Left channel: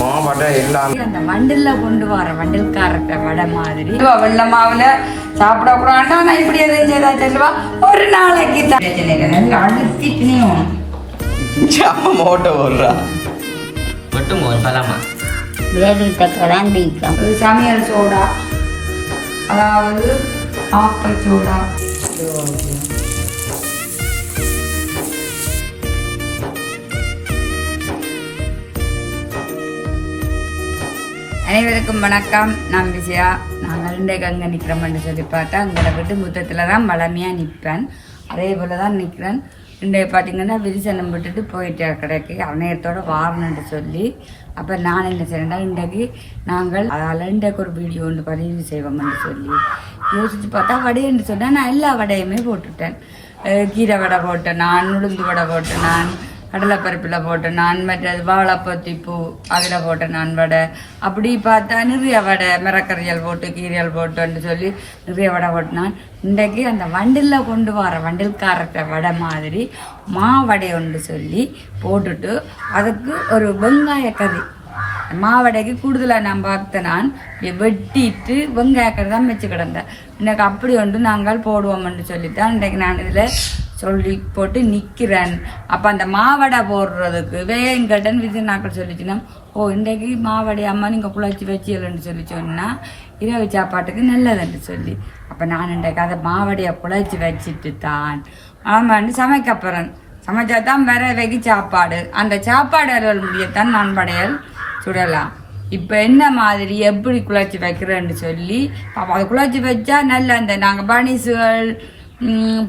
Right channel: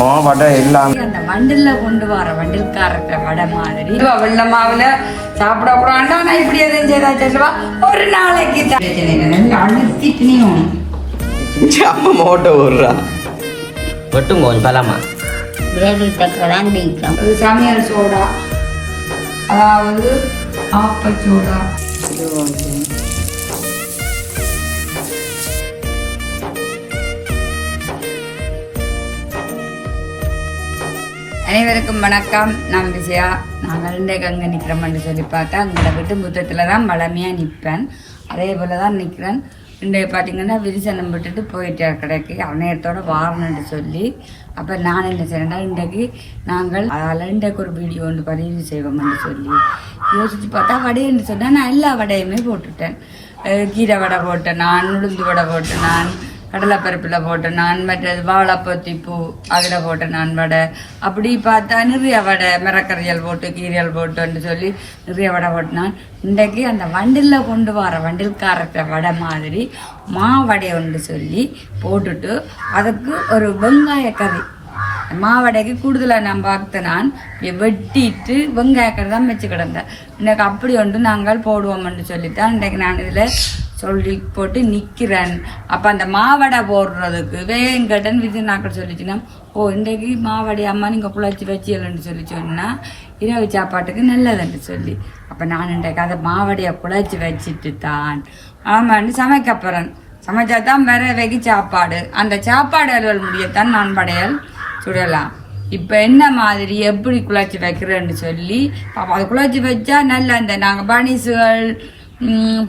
மா வடை எல்லாம் அந்த வண்டில்ல கொண்டு வர வண்டில்காரத்த வடை மாதிரி. வெள்ள மாவுல சாப்பிட கூடாண்டா நான் இப்படி எதுவும் செய்தா சொல்லுவா ஒரு நாளைக்கு. நல்லா அழுத்தி பிணியும் அப்ப மோட்டை விடுறா வெட்டும் கொஞ்சம் பலமா கிரேவி தைக்கிறதான் பிடிக்கும். அது சமையல் சோடா. அதாவது ஆப்ப சோடா. அனைவருக்கும் வணக்கம். நான் விஜயா. நாங்கள் இன்றைக்கு அங்கே நிற்கிறோம்னு சொல்லி பார்த்தா அங்கே விட்டு முத்தத்தில் தான் வளமையாக நிற்பேன். அதே போல் தான் நிற்கிறேன். இன்றைக்கு பார்த்தீங்கன்னா விரிசனம் விட்டுட்டு போயிட்டு கடைக்கு. அணையத்தோட வாரணுன்ட்டு சொல்லி. அப்போ நான் என்ன செய்யறேன்னா இன்றைக்கு நாங்கள் அதில் இன்றைக்கு ஒரு வீடியோ ஒன்று பதிவு செய்வோம்னு சொல்லி யோசிச்சு பார்த்தா வடைன்னு சொன்னால் நான் எல்லா வடையுமே போட்டுட்டேன். கீரை வடை போட்டேன் நான் உளுந்து வடை போட்டேன் நான் கடலைப்பருப்பில் போட்டேன் நான் மற்றது வாழைப்பத்தி பூ அதில் போட்டேன் நான் வடை அப்படி பார்த்தா நிறைய வடை மிரக்கறியல் போட்டு கீரியல் போட்டுன்னு சொல்லி நிறைய வடை போட்டினான். இன்றைக்கு அந்த வண்டில் கொண்டு வர வண்டில்காரத்த வடை மாதிரி மாவடை ஒன்று சொல்லி போட்டுட்டு அதுக்கு ஒரு வெங்காய கறி. மாவடைக்கு கூடுதலாக நான் பார்த்து நான் வெட்டிட்டு வெங்காயக்கறி தான் வச்சு கிடந்தேன். இன்னைக்கு அப்படி ஒன்று நாங்கள் போடுவோம்னு சொல்லித்தான் இன்றைக்கு நான் இதில் சொல்லி போட்டு நிற்கிறேன் அப்போ அந்த மாவடை போடுறதுக்கு வேங்கடன் விஜயநாக்கள் சொல்லிச்சுன்னா ஓ இன்றைக்கு மாவடை அம்மா நீங்கள் புழைச்சி வச்சியலன்னு சொல்லி சொன்னால் இரவு சாப்பாட்டுக்கு நல்லதுன்னு சொல்லி. அப்போ நான் இன்றைக்கு அதை மாவடையை குழச்சி வச்சுட்டு தான் ஆமான்னு சமைக்க போகிறேன் சமைச்சா தான் வேற வெகி சாப்பாடு. அந்த சாப்பாடு அலுவல் முடியத்தான் நான் படையல் சுடலாம். இப்போ என்ன மாதிரி எப்படி குழச்சி வைக்கிறேன்னு சொல்லி பாப்பா அதை குழச்சி வச்சா நல்ல அந்த நாங்கள் பனிசுகள்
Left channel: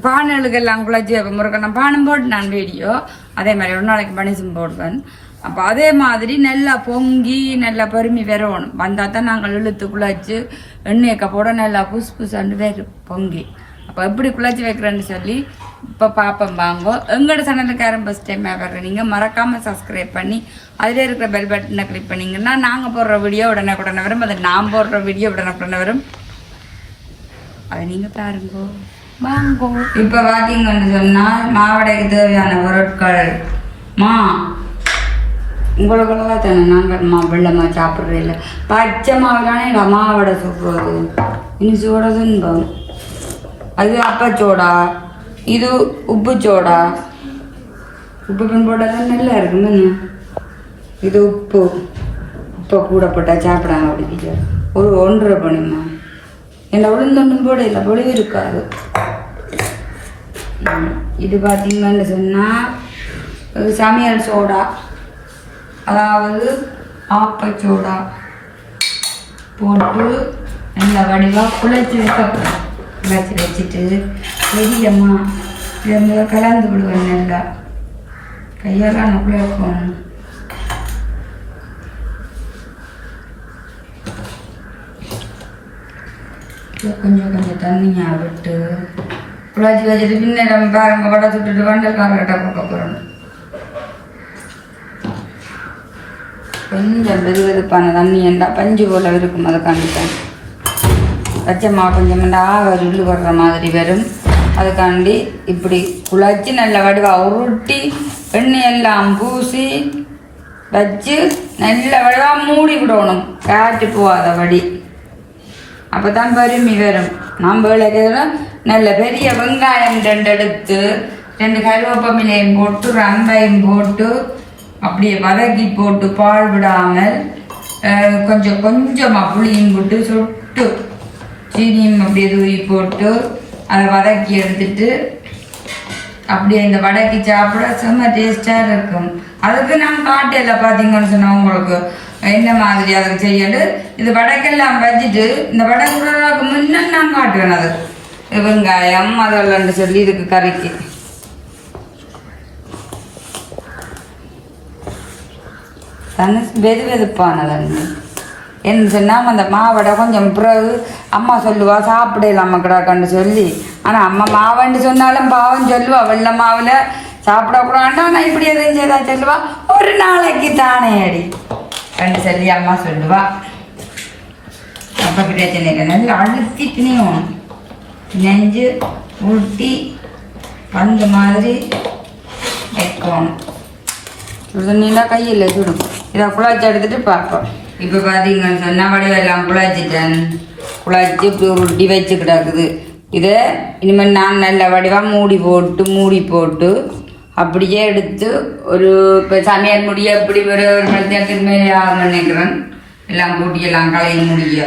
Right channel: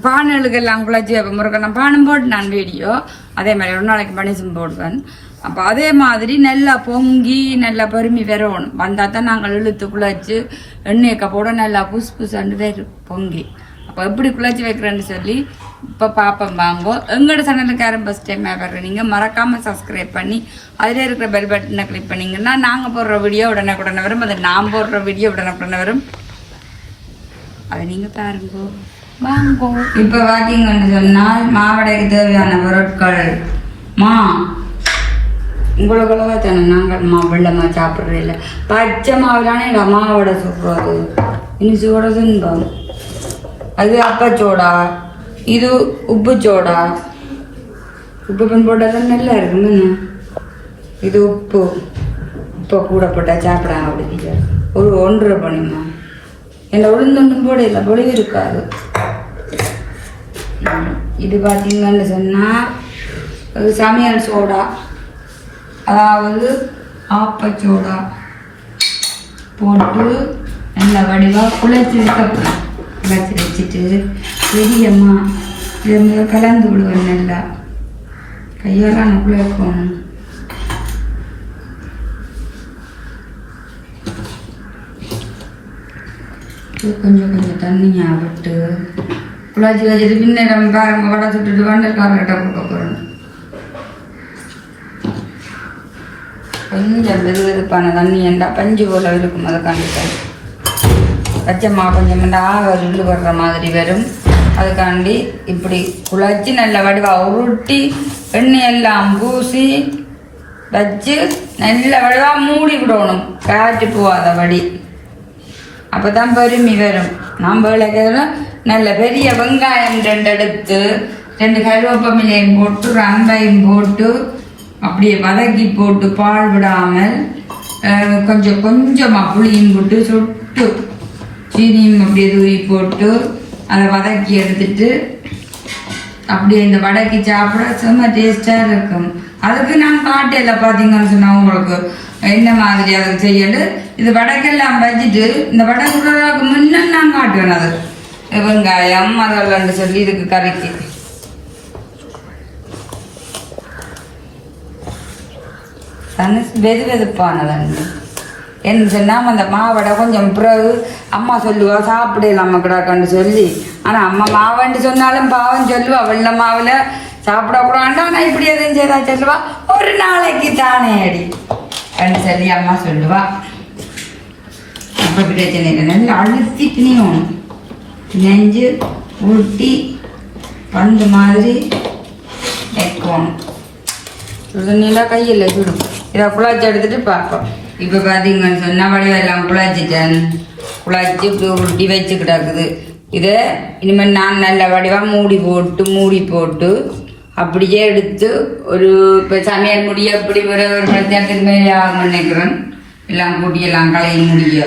பானலுக்கெல்லாம் குழச்சி அப்போ முருகன் பானம் போட்டு நான் வீடியோ அதே மாதிரி ஒரு நாளைக்கு பனிசம் போடுவேன் அப்போ அதே மாதிரி நல்லா பொங்கி நல்லா பொறுமி வரணும் வந்தால் தான் நாங்கள் இழுத்து குழச்சி எண்ணெய்க்க போட நல்லா புசு புசுன்னு வரும் பொங்கி அப்போ எப்படி குழச்சி வைக்கிறேன்னு சொல்லி இப்போ பார்ப்போம் வாங்கோ எங்களோட சேனலுக்கு யாரும் ஃபஸ்ட் டைம் வர்ற நீங்கள் மறக்காமல் சப்ஸ்கிரைப் பண்ணி அதில் இருக்கிற பெல் பட்டனை கிளிக் பண்ணிங்கன்னா நாங்கள் போடுற வீடியோ உடனே உடனே வரும் அது நான் போடுற வீடியோ உடனே உடனே வரும் அதை நீங்கள் பாருங்கோ வாங்கோ. இப்போ பார்த்தீங்கன்னு சொன்னால் மாவடைக்கு தேவையான பொருட்கள். மா உங்களுக்கெல்லாம் தானே நாங்கள் மா வெள்ளமா சாப்பிட்றது இல்லை. பச்சை மாவுலானே மாவடை சுடுறது. இனி சூட துன்பம். அது அப்பச்சோடா? இது உப்பு சோடா உப்பு பின் போட்டால் தான் நல்லா இருக்கும் இது உப்பு. உப்பை கூட போட்டால் சாப்பிட்றாங்க அப்படி ஒரு ஒன்றரை பண்ணுமா என்ன உளுந்த முன்போடு இல்லை பொழுது இருக்காது. இது பார்த்தீங்கன்னு சொன்னால் சமையல் சோடா. அதாவது ஆப்பச்சோடா போட்டு நல்ல வடிவாக குளிர்ச்சி வைக்கப்படும் குழைச்சி வச்சுட்டு பெரியம்மா இதை கலந்து விடுவேன் நல்லா. கையால் நான் குழைக்கணும் இது கொஞ்சம் கொஞ்சம் தண்ணியா விட்டு குழாச்சி வச்சுட்டு பின்ன பாருங்க வடை சுட்டுட்டு வண்டக்காரர்கிட்ட போக போகிறோம் கொஞ்சம் வெது வெதுப்பான தண்ணி ஏண்டா பஞ்சு போல இருக்கும் அதை காண்டிட்டேன் பச்சைமா கொஞ்சம் ஆக உள்ளு வர்ற மாதிரி வரும். அதுக்காண்டி இப்படி குழச்சி நல்ல வடிவாக உருட்டி எண்ணெய் எல்லாம் பூசி வச்சு நல்ல வடிவாக மூடி விடணும் காட்டு போகாத வடி. அப்பதான் பெருமி வரும். நாம் வேலைக்கிறோம் நல்ல பெரிய வெங்காயம் ரெண்டு எடுத்து ரெண்டு கருவேப்பமிலையும் போட்டு ரம்பையும் போட்டு அப்படியே வதக்கி போட்டு பால் விடாமல் கொஞ்சம் கொஞ்சமாக புளியும் போட்டு சுட்டு சீனியும் அப்படியே தூவி போட்டு அதை வதக்கி எடுத்துட்டு அப்படியே இந்த வடக்கி சாப்பிட செம்ம டேஸ்டாக இருக்கும். அதுக்கு நான் காட்டையில் பார்த்தீங்கன்னு சொன்னா உங்களுக்கு என்ன மாதிரி அதுக்கு செய்யண்டு? இது வடைக்கெல்லாம் வச்சுட்டு இந்த வடை சுடுறதுக்கு முன்ன நான் காட்டுவேன் அது. வெங்காயம் அதெல்லாம் சொல்லி இதுக்கு கறிக்கு. வெது வெதுப்பானது என்ன சொன்னால் அந்த மாவடை கொஞ்சம் பிறகு அம்மா சொல்லுவா சாப்பிடலாம் கிடாக்கன்னு சொல்லி. ஆனால் அம்மா மாவன்னு சொன்னாலும் பாவம் சொல்லுவா வெள்ள மாவில் சாப்பிடக்கூடாண்டா நான் இப்படி எதுவும் செய்தா சொல்லுவா. ஒரு நாளைக்கு தானே அடி. அப்படின்னு சொல்லி அம்மா சொல்லுவா. அப்போ பிரச்சனை இல்லை நல்லா அழுத்தி பிணியணும் நெஞ்சு உருட்டி பந்து மாதிரி வைக்கணும். சுடுதண்ணிலாம் கையில் சுடும் இதை குழாச்சி எடுத்துட்டு பார்ப்போம். இப்போ பார்த்தீங்கன்னு சொன்னால் வடிவெல்லாம் குழாச்சிட்டேன். குழாச்சி இப்படி உருட்டி வச்சு கிடக்குது இதை இனிமேல் நான் நல்ல வடிவாக மூடி போட்டு மூடி போட்டு அப்படியே எடுத்து ஒரு இப்போ சமையல் முடிய அப்படி ஒரு ஒரு மணி நேரத்துக்கு மேலே ஆகும் நினைக்கிறேன். எல்லாம் கூட்டியெல்லாம் களைய முடிய.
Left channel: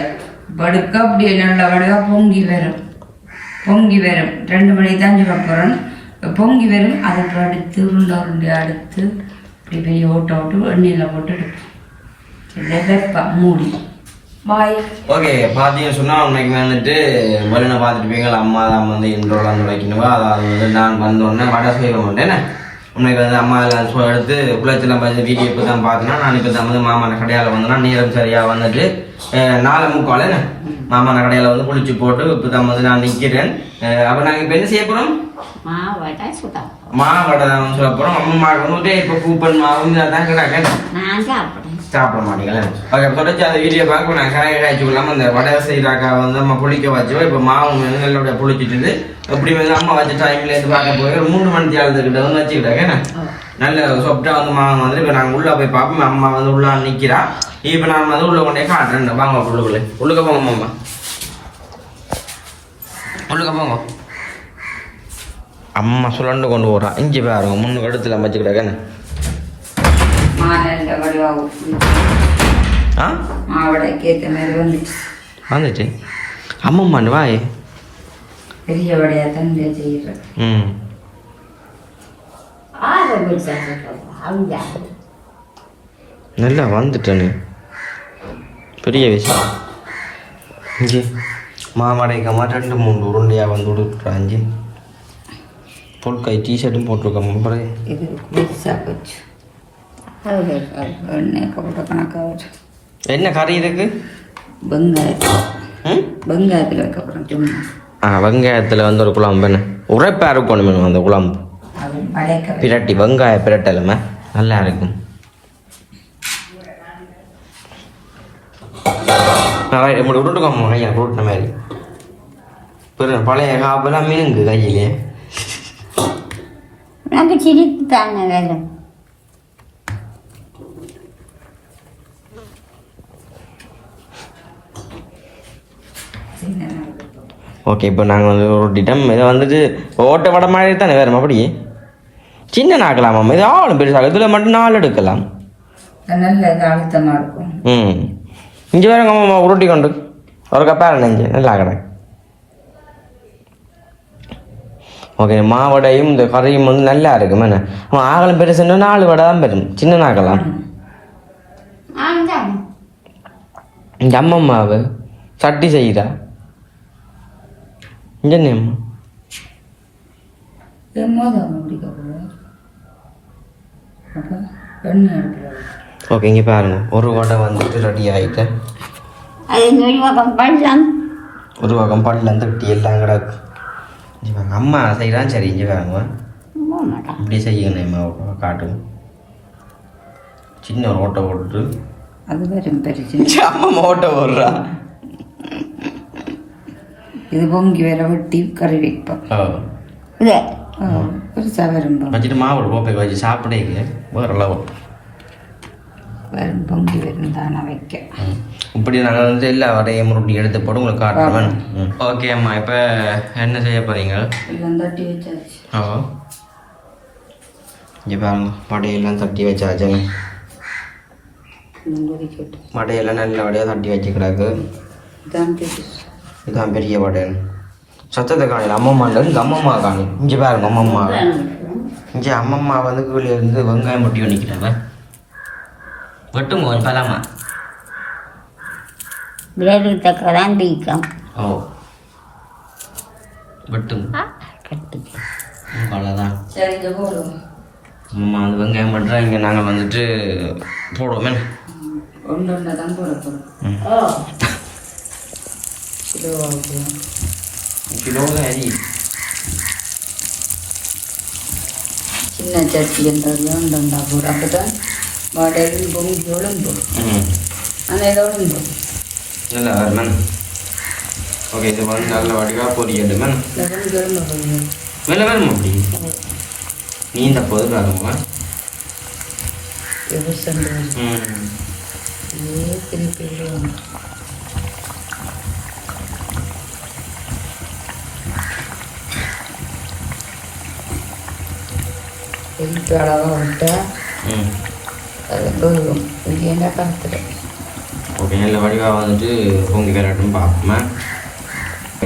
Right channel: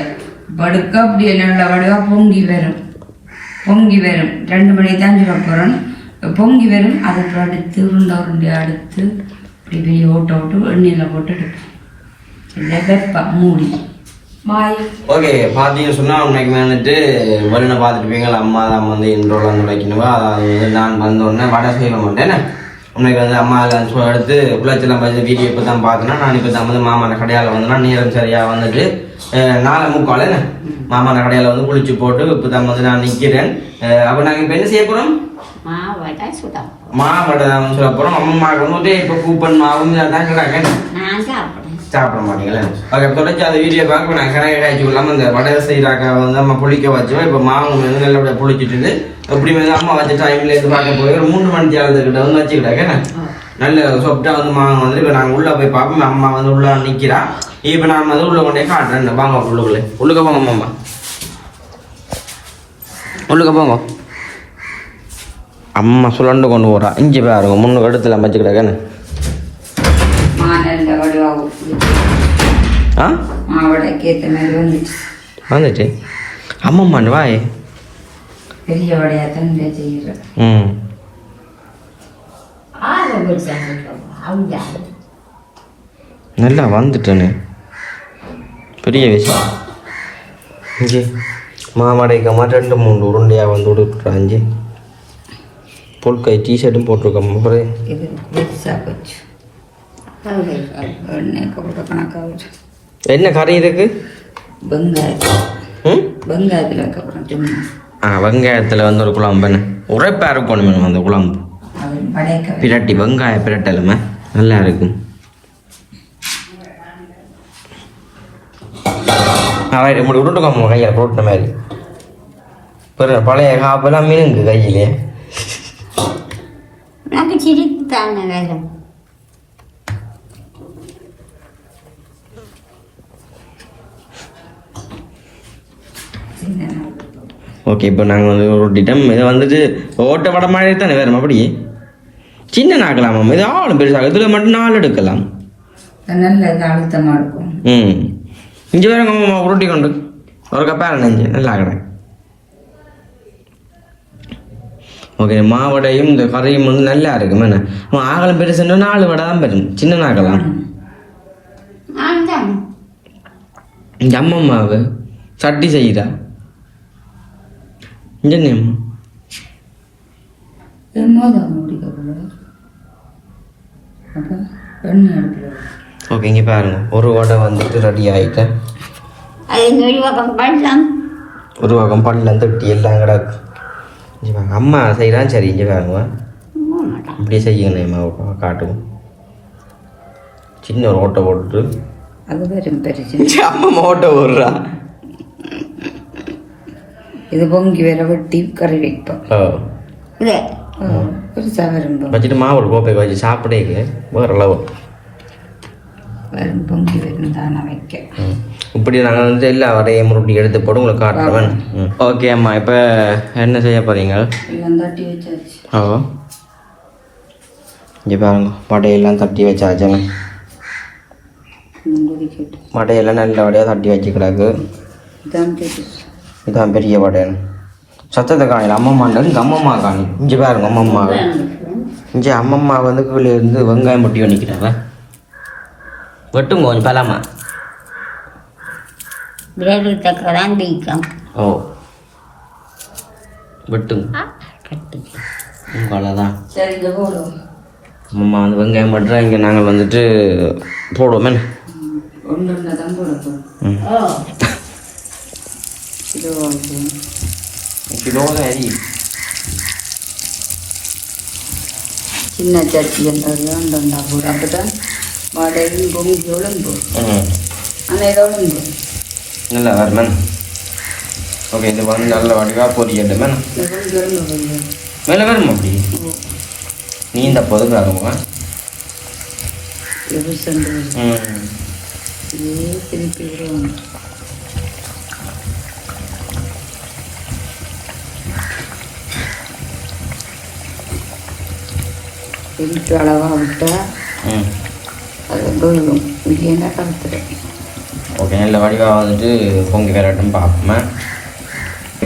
படுக்க அப்படி நல்ல வடிவாக பொங்கி வரும். பொங்கி வரும். ரெண்டு மணி தான் சொல்ல போகிறோம் பொங்கி வரும். அதுக்கு அடுத்து உருண்டை உருண்டை அடுத்து இப்படி பெரிய ஓட்ட ஓட்டு எண்ணெயில் போட்டு எடுப்போம் வெப்பம் மூடி. வாய் ஓகே பார்த்தீங்க சொன்னால் உண்மைக்கு வந்துட்டு வெளியில பார்த்துருப்பீங்க அம்மா தான் வந்து இன்றோல வந்து வைக்கணுவா அதாவது நான் வந்தோடனே வடை செய்ய மாட்டேன்னு உனக்கு வந்து அம்மா எல்லாம் சொ- எடுத்து குளத்தில் வந்து வீடியோ இப்போ தான் பார்த்தேன்னா நான் இப்போ தான் வந்து மாமான கடையால் வந்தேன்னா நேரம் சரியாக வந்துட்டு நாளை நாலு முக்கால் மாமான கடையால் வந்து குளிச்சு போட்டு இப்போ தான் வந்து நான் நிற்கிறேன் அப்போ நாங்கள் இப்போ என்ன செய்ய போகிறோம் மாவட்டை தான் சொல்ல போகிறோம் அம்மா வந்துட்டு இப்போ கூப்பன் மாவு தான் கிடாங்க சாப்பிட மாட்டீங்களா? ஓகே தொடர்ச்சி அந்த வீடியோ பார்க்க நான் கணக்கு காய்ச்சி விடலாம இந்த வடை செய்தாக்கா வந்து அம்மா புளிக்க வச்சுவா இப்போ மாவு வந்து நல்லபடியாக புளிச்சிட்டு இப்படி வந்து அம்மா வச்ச டைம்ல இருந்து பார்க்க போய் ஒரு மூணு மணி தேர்தல்கிட்ட வந்து வச்சுக்கிட்டாங்க நல்ல சொப்டா வந்து மாவு வந்து இப்போ நாங்கள் உள்ளே போய் பார்ப்போம். அம்மா வந்து உள்ள நிற்கிறா இப்போ நான் வந்து உள்ள கொண்டே காட்டுறேன். வாங்க உள்ளுக்குள்ளே. உள்ளுக்க போங்க உள்ளுக்க போங்க. அம்மா சுழண்டு கொண்டு போகிறா இஞ்சி பாருங்க முன்னு கடுத்துல மாநல்ல வடிவாக ஆ? வந்துச்சு. அம்மம்மாண்டு வாய். ம். நல்லா வந்துட்டேனே பெரிய விஷயம். இங்கே மாமடைக்க மாட்டேன் ரெண்டு மூணு உருண்டையாக வந்து விடுறாஞ்சி பொல்கை டிஷர்ட்டும் போட்டிருக்கோம். அப்புறம் இது பெருசாக போச்சு என்ன கறி இருக்கு? வெங்காயத்தில். ம்? வெங்காயத்தில் அதுக்கப்புறம் சும்மா. ஆ வெங்காயத்தில் வந்து ஒரு குழம்பு. என்ன? உரைப்பாக இருக்கணும் அந்த குழம்பு. பிரட்டி வெங்காய பிரட்டலுமா நல்லா இருக்கும். விட்டுக்கோமா கையில் போட்ட மாதிரி. பழைய காப்பெல்லாம் மீனுங்க கையிலே. எனக்கு சிரிப்பு தானே சின்ன ஓகே இப்போ நாங்கள் வந்து ரொட்டிட்டோம் இதை வந்துட்டு ஓட்ட வடை மாதிரி தானே வேறு அப்படி சின்ன நாக்கலாமா இது ஆளும் பெருசாக இதில் மட்டும் நாலு எடுக்கலாம். ம். இங்கே வேற அம்மா உருட்டி கொண்டு. ஒரு கப்பாரு நஞ்சு. நல்லா கடை. ஓகே மாவடையும் இந்த கறியும் வந்து நல்லா இருக்கும் என்ன? ஆகலம் பெருசுன்னா நாலு வடை தான் பெரும் சின்ன நாக்கலாம் இந்த அம்மம்மாவு சட்டி செய்யுதா? என்ன? ஓகே இங்கே பாருங்க. ஒரு வடை வந்துட்டு ரெடி ஆகிட்டு அது நுழிவாக்கம் பண்ணலாம் ஒரு வகம் பள்ளம் தட்டி எல்லாம் கிடக்கு. இங்கே அம்மா செய்கிறான் சரி இங்கே பாருங்க. போக மாட்டான் இப்படியே செய்யுங்க அம்மா காட்டுவோம் சின்ன ஒரு ஓட்டை போட்டுட்டு. அது வரும் பெருசு அம்மா மோட்டை விடுறா இது பொங்கி வேற வெட்டி கறி வைப்போம். இதே பெருசாக வரும் வச்சுட்டு மாவு கோப்பை வச்சு சாப்பிடேக்கு வேறு அளவு. வரும் பொங்கி வரும் தானே வைக்க. இப்படி நாங்கள் வந்து எல்லா வடையை முருட்டி எடுத்து போட்டு உங்களுக்கு காட்டுறேன். ஓகே அம்மா இப்போ என்ன செய்ய போகிறீங்க ஓ. இங்கே பாருங்க வடையெல்லாம் தட்டி வச்சாச்சுங்க வடையெல்லாம் நல்ல வடையாக தட்டி வச்சு கிடக்கு. இதான் பெரிய வடை சத்தத்தை காணியில் அம்மம்மாண்டது இங்கே அம்மம்மா காணி. இங்கே பாருங்க அம்மம்மா. இங்கே அம்மம்மா வந்து கீழே இருந்து வெங்காயம் முட்டி பண்ணிக்கிறாங்க வெட்டும் கொஞ்சம் பலாமா பிளேடு தைக்கிறதான் பிடிக்கும். ஓ. வெட்டும். கட்டிக்கு அவ்வளோதான் அம்மா வந்து வெங்காயம் மட்டும் இங்கே நாங்கள் வந்துட்டு போடுவோமே அரி. சின்ன போட்டு ஆனால் இதோட நல்லா வருமேன் ஓகே இது வந்து நல்ல வடிவாக பொரியட்டு மேம் மேலே வரும் அப்படி? நீ இந்த பொது பாருங்க விரிசல் ம். இதே திருப்பி விடுவாங்க. திருப்பி அளவாக விட்டா அது என்ன கருத்து ஓகே நல்ல வடிவாக வந்துட்டு பொங்கி கரட்டும் பார்ப்போமே.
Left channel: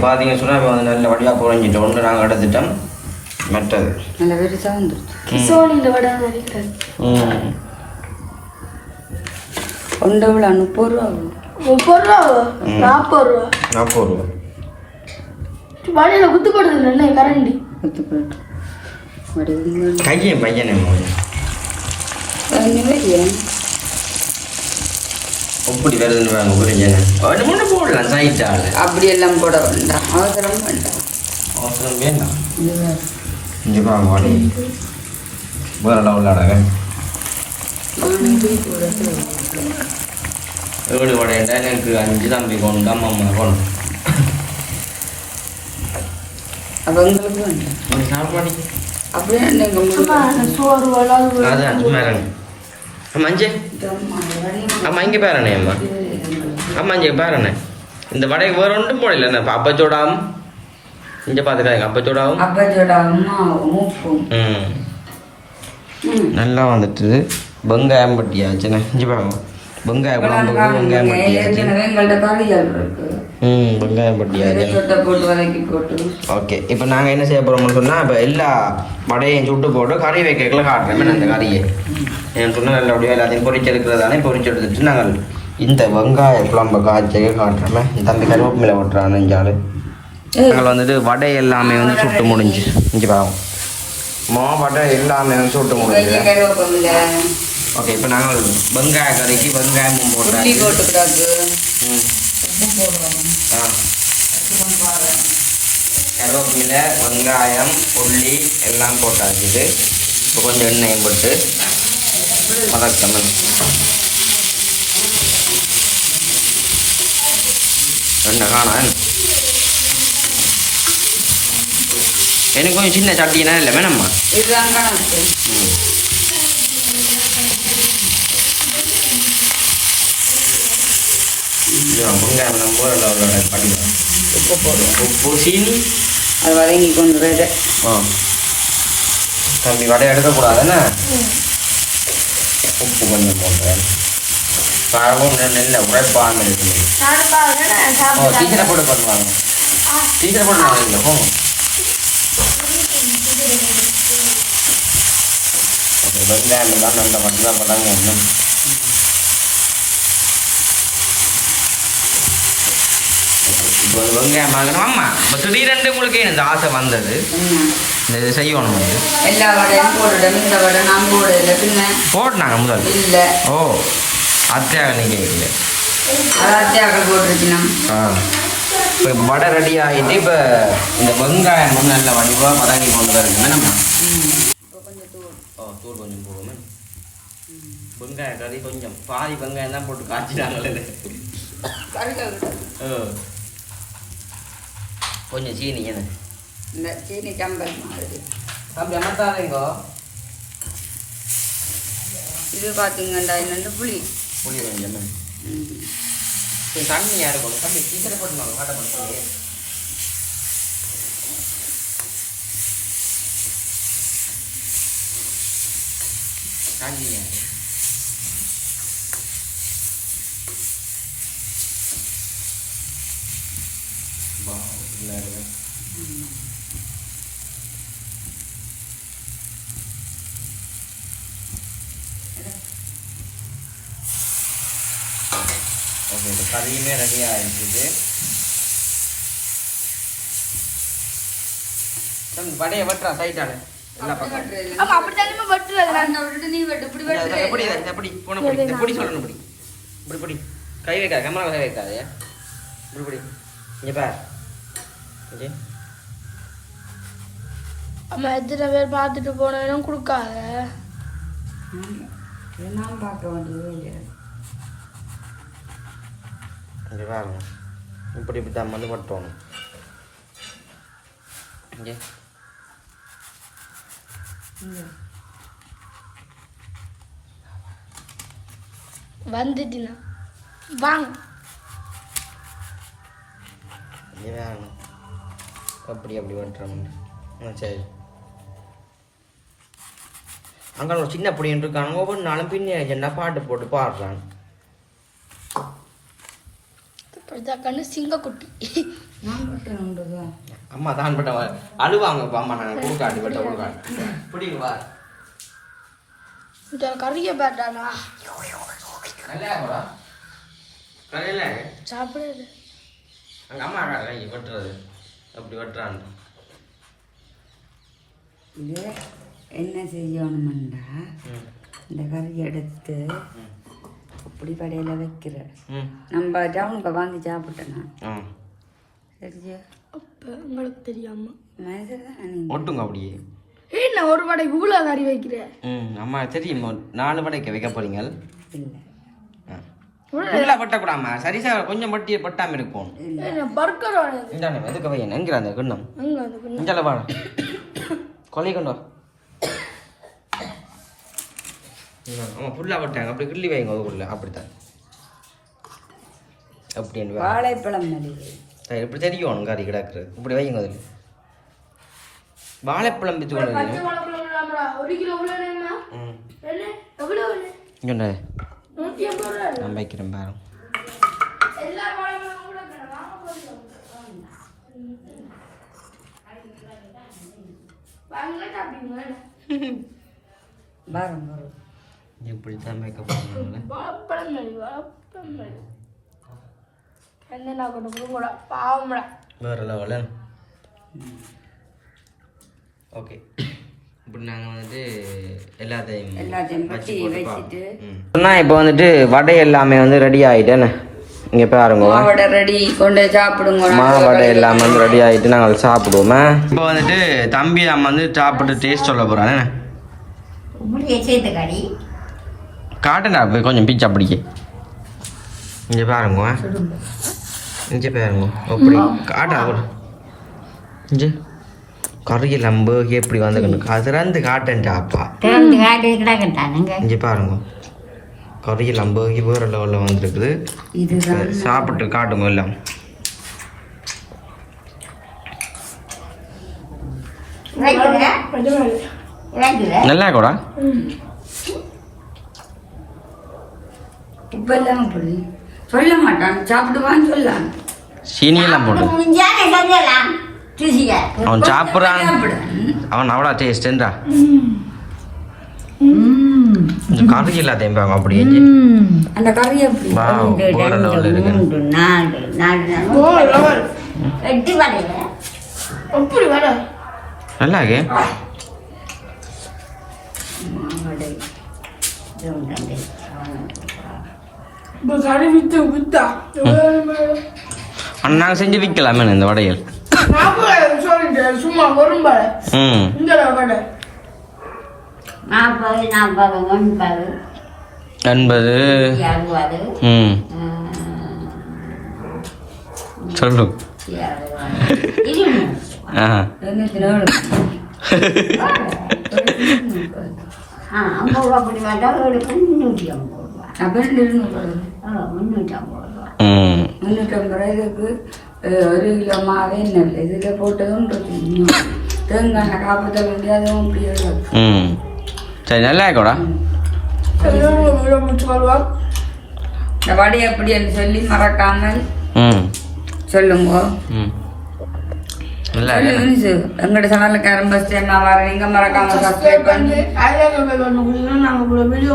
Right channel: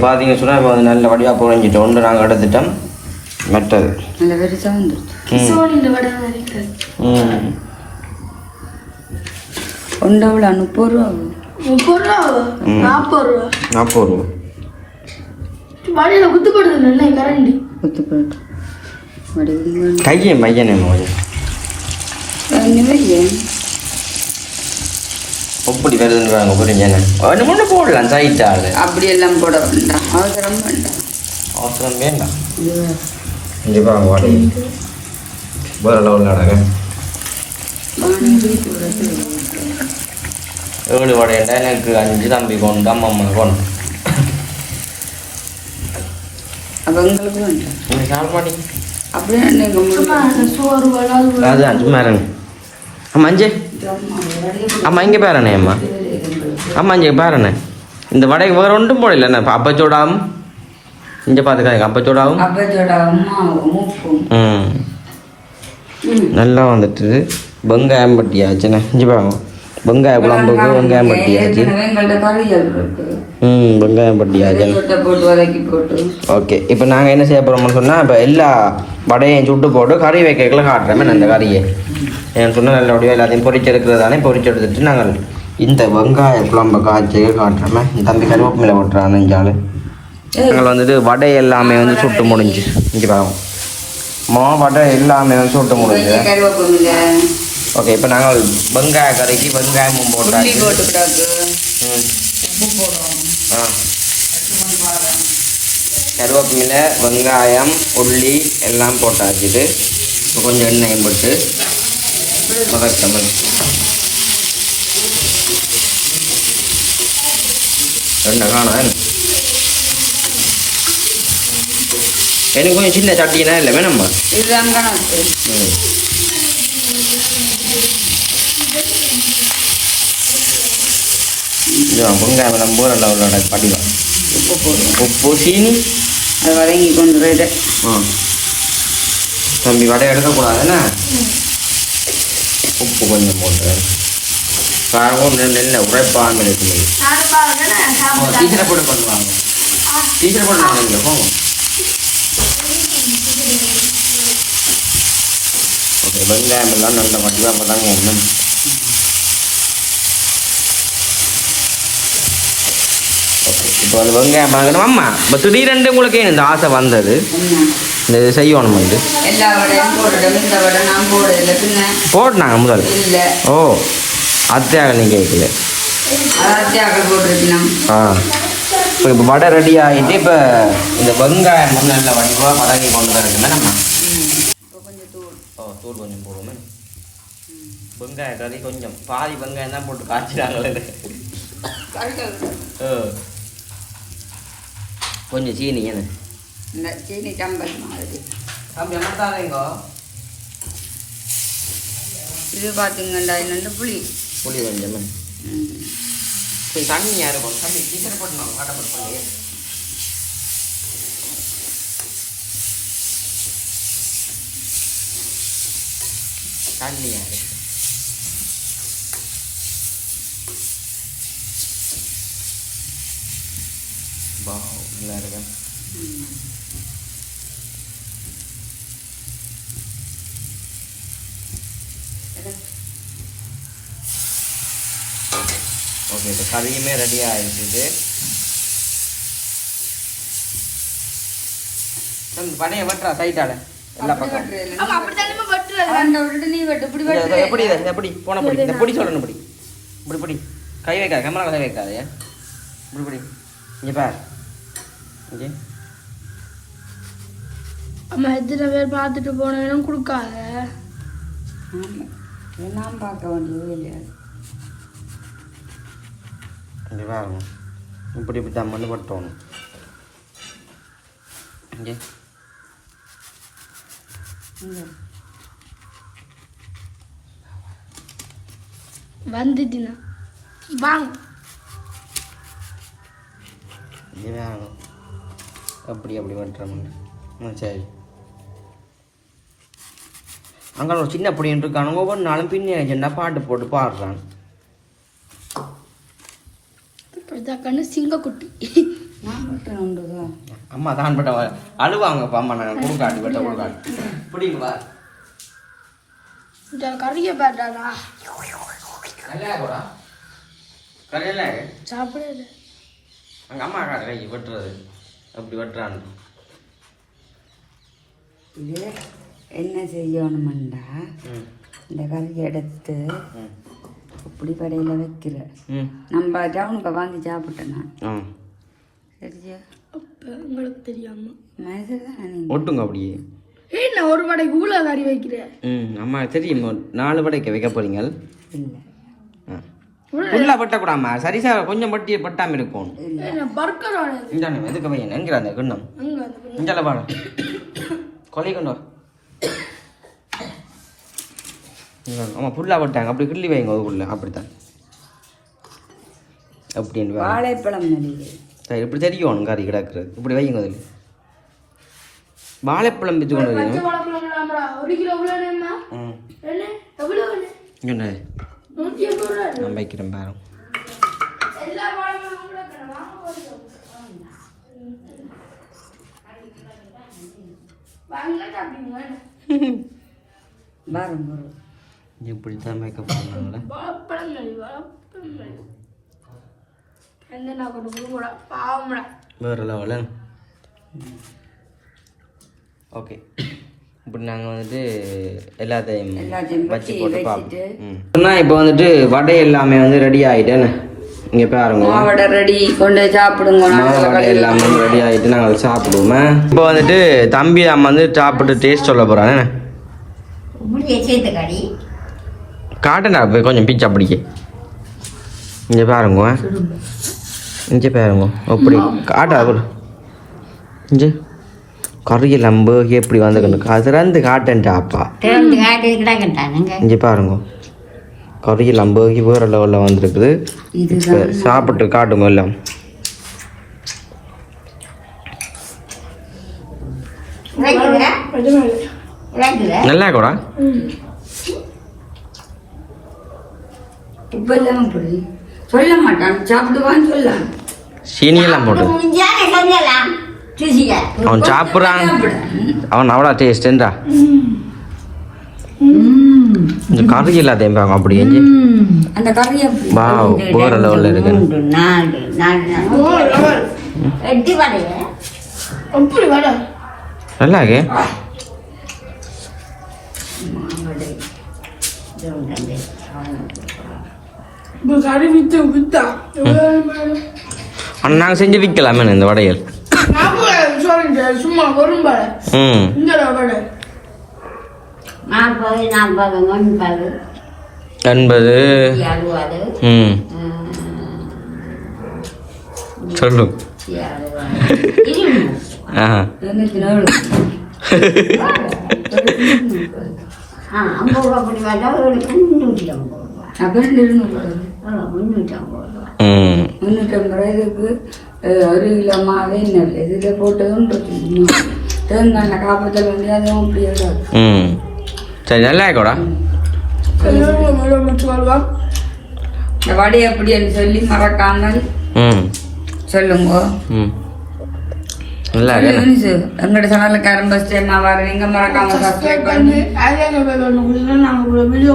பார்த்தீங்க சொன்னால் இப்போ வந்து நல்ல வடிவாக புரிஞ்சிட்டோம் ஒன்று நாங்கள் எடுத்துட்டோம். மெட்டல். நாற்பது ரூபா? நாற்பது ரூபா. வழியில குத்துப்படுது நல்ல கரண்டி குத்து போயிட்டு கையை பையனே மோதி இல்லையே எப்படி வருதுன்றாங்க புரிஞ்சேன்னு ஒன்று ஒன்று போடலாம் சைட்டா அது. அப்படியெல்லாம் போட வேண்டாம். அவசரம் வேண்டாம். இங்கே பாருங்க வாடி. வேறு லெவலில் அடங்க. ஏழு வடையண்டா எனக்கு அஞ்சு தம்பி கொண்டு அம்மா அம்மா கொண்டு அப்போ உங்களுக்கு அம்மா அஞ்சு அம்மா இங்கே பாருண்ணே அம்மா. அம்மா இங்கே பாருண்ணே. இந்த வடைக்கு வேறு ஒன்றும் போடல. என்ன அப்பச்சோடாவும் இங்கே பார்த்துக்காங்க அப்பச்சோடாவும் அப்பச்சோட அம்மா மூப்பும் ம். நல்லா வந்துட்டு வெங்காயம் பட்டியாச்சுண்ணே இங்கே பாருங்க. வெங்காய குழம்புக்கு வெங்காயம் பட்டியாச்சு ம் வெங்காயம் பட்டியாச்சு ஓகே இப்போ நாங்கள் என்ன செய்ய போகிறோம்னு சொன்னால் இப்போ எல்லா வடையும் சுட்டு போட்டு கறி வைக்கல காட்டுறேன் அந்த கறியை? ஏன்னு சொன்னால் நல்லபடியாக எல்லாத்தையும் பொறிச்செடுக்கிறதானே பொறிச்செடுத்துட்டு நாங்கள் இந்த வெங்காய குழம்பு காய்ச்சியை காட்டுறோமே. தம்பி கருவேப்பிலை ஓட்டுறான் நெஞ்சால் நாங்கள் வந்துட்டு வடை எல்லாமே வந்து சுட்டு முடிஞ்சு. இங்கே பாவம் மா வடை எல்லாமே வந்து சுட்டு முடிஞ்சு. ஓகே இப்போ நாங்கள் வெங்காய கறிக்கு வெங்காயமும் போட்டாச்சு. ஆ. கருவேப்பிலை வெங்காயம் உள்ளி எல்லாம் போட்டாச்சு இது. இப்போ கொஞ்சம் எண்ணெயும் போட்டு. வதக்கணும் ரெண்டு காணா எனக்கு கொஞ்சம் சின்ன சட்டினா இல்லை வேணும்மா. ம். இதுதான் வெங்காயம் நம்ம ஊரில் உள்ள படிதான் உப்பு சீனி. ஆ. தம்பி வடை எடுக்கக்கூடாதுண்ணா உப்பு கொஞ்சம் போட்டுறேன் காரமும் நெல்ல உரைப்பாமல் இருக்குது ஓ டீச்சரை போட்டு பண்ணுவாங்க டீச்சரை பண்ணுவாங்க இல்லை போங்க ஓகே வெங்காயம் எல்லாம் நல்ல வடிவாக பதாங்க ஒன்றும் ஓகே இப்போ அது வெங்காயம் பார்க்கணும் ஆமாம் இப்போ திடீரென்று உங்களுக்கு இந்த ஆசை வந்தது இந்த இது செய்யணும் வந்து போட்டுனாங்க முதல். இல்லை. ஓ அத்தியாக நீங்கள் கேட்கல. ஆ இப்போ இப்போ வடை ரெடி ஆகிட்டு இப்போ இந்த வெங்காயம் வந்து நல்ல வடிவாக வதக்கி கொண்டு வரணுமே நம்ம? ஓ தூள் கொஞ்சம் போடுவோமே. வெங்காய கறி கொஞ்சம். பாதி வெங்காயம் தான் போட்டு காய்ச்சிட்டாங்களே. ஓ கொஞ்சம் சீனி என்ன? இந்த சீனி மாதிரி. அப்படி அமர்த்தாதேங்கோ இது பார்த்தீங்கன்னா இது வந்து புளி. புளி கொஞ்சமே சரி தண்ணியாக இருக்கும் தம்பி டீச்சரை போட்டுனாங்க காட்டப்பட்டு பண்ணி தண்ணியாக நல்லா கறியுமே ரெடி ஆகிடுது வடையை வெட்டுறா சைட்டால. எல்லா பக்கம் அப்படித்தானே பட்டுறது அந்த விட்டு நீ வெட்டு இப்படி இந்த- வெட்டு. இந்த எப்படி இதை- எப்படி? போன படி இந்த பொடி சொல்லணும் இப்படி. இப்படி இப்படி. கை வைக்காது கேமரா கை வைக்காது. இப்படி இப்படி. இங்கே பார். இங்கே. அம்மா எத்தனை பேர் பார்த்துட்டு போனேன்னு கொடுக்காத. நான் பார்க்க வேண்டியது இல்லையா. பாருங்க இப்படி இப்படி தான் மண்ணு வெட்டுறோம் இங்கே வந்துட்டுனா வாங்க அப்படி அப்படி பண்ணுறோம் சரி. அங்கே ஒரு சின்ன பொடியன் இருக்கானுங்க ஒவ்வொரு நாளும் பின்னி என்ன பாட்டு போட்டு பாடுறான் இப்படிதான் கண்ணு சிங்கக்குட்டி அம்மா தான் பட்ட அழுவாங்கப்பா அம்மா நான் கூட்டாட்டு பட்ட பிடிக்குவா இந்த கறிய பேட்டானா சாப்பிடாது அங்க அம்மா கை வெட்டுறது? அப்படி வெட்டுறாங்க இது என்ன செய்யணுமெண்டா இந்த கறி எடுத்து ம் இப்படி கடையில் வைக்கல நம்ம டவுனுக்கு வாங்கி சாப்பிட்டோம் ஆ. சரியா? உங்களுக்கு தெரியாம. ஒட்டுங்க அப்படியே. நான் ஒரு வடை இவ்வளோ கறி வைக்கிறேன். ம் அம்மா தெரியுமா. நாலு வடைக்கு வைக்க போறீங்க. இல்லை. ஃபுல்லாக வெட்டக்கூடாமா? சரி சார் கொஞ்சம் பட்டியை பட்டாமல் இருக்கும். பர்கர் இந்தாண்ணே எதுக்கு வையன்? என்கிற அந்த கிண்ணம். வாடா கொலை கொண்டு வா. இந்தாங்க. ஆமா ஃபுல்லாக போட்டாங்க. அப்படி கிள்ளி வைங்க அதுக்குள்ள. அப்படித்தான். அப்படின்னு. வாழைப்பழம் இப்படி தெரியும் கறி கிடக்குறது இப்படி வைங்க அதில். வாழைப்பழம் வித்து கொண்டு எவ்வளோ என்ன? சொன்னது நான் வைக்கிறேன் பாரு. வாங்க இப்படி தான் மேக்கப் பண்ணுறாங்களே வேறு லெவலில் ஓகே இப்படி நாங்கள் வந்துட்டு எல்லாத்தையும் வச்சு போட்டு. பார்ப்போம் இப்போ வந்துட்டு வடை எல்லாமே வந்து ரெடி ஆகிட்டேன்னு இங்கே பாருங்க. மாவடை ரெடி கொண்டு போய் சாப்பிடுங்க. மாவடை எல்லாமே வந்து ரெடி ஆகிட்டு நாங்கள் சாப்பிடுவோமே. இப்போ வந்துட்டு தம்பி அம்மா வந்து சாப்பிட்டு டேஸ்ட் சொல்ல போகிறானே காட்டுடா போய் கொஞ்சம் பீச்சா பிடிக்க. இங்கே பாருங்க இங்கே பாருங்க அப்படி காட்டா கூட இங்கே. கறியில் நம்பி எப்படி வந்துக்கணும் கதிரந்து காட்டேன்ட்டா அப்பா. இங்கே பாருங்க. கறியில் நம்பி வேறு லெவலில் வந்திருக்குது. சாப்பிட்டு காட்டுங்க எல்லாம். நல்லா கூட இப்ப எல்லாம் அப்படி சொல்ல மாட்டான். சாப்பிடுவான்னு சொல்லலாம் சீனியெல்லாம் ருசியா. அவன் சாப்பிட்றான். அவன் அவ்வளோ டேஸ்ட் இருந்தா இந்த கறி எல்லாத்தையும் பாருங்க அப்படி எஞ்சி அந்த கறி வா வேறு லெவலில் இருக்கு மூன்று நாலு நாலு எட்டு வரைய எப்படி வர நல்லா இருக்கு கறி வித்து வித்தா ஆனால் நாங்கள் செஞ்சு விற்கலாமே இந்த வடைகள் சும்மா வரும் ம். நாற்பது நாற்பது ஒன்பது. எண்பது. ம். சொல்லு. ஆ. ஐம்பது ரூபா அப்படி வேண்டாம் ரூபா ரெண்டு இருநூறு வருது. ஆ, முந்நூற்றி ஐம்பது ரூபா. ம் முன்னூற்றம்பது ரூபாய்க்கு அஹ், ஒரு கிலோ மாவே நெல் இதில் போட்டதும் இருக்கு இன்னும். தேங்காய் காப்பாற்ற வேண்டியதும் அப்படி இடம் ம். சரி நல்லா இருக்கோடா இந்த வடை எப்படின்னு சொல்லி மறக்காமல் ம். சொல்லுங்க. ம். நல்லா எங்களோட சேனலுக்காரன் பஸ் நான் வரேன் எங்க மறக்காம சப்ஸ்கிரைப் பண்ணி வீடியோ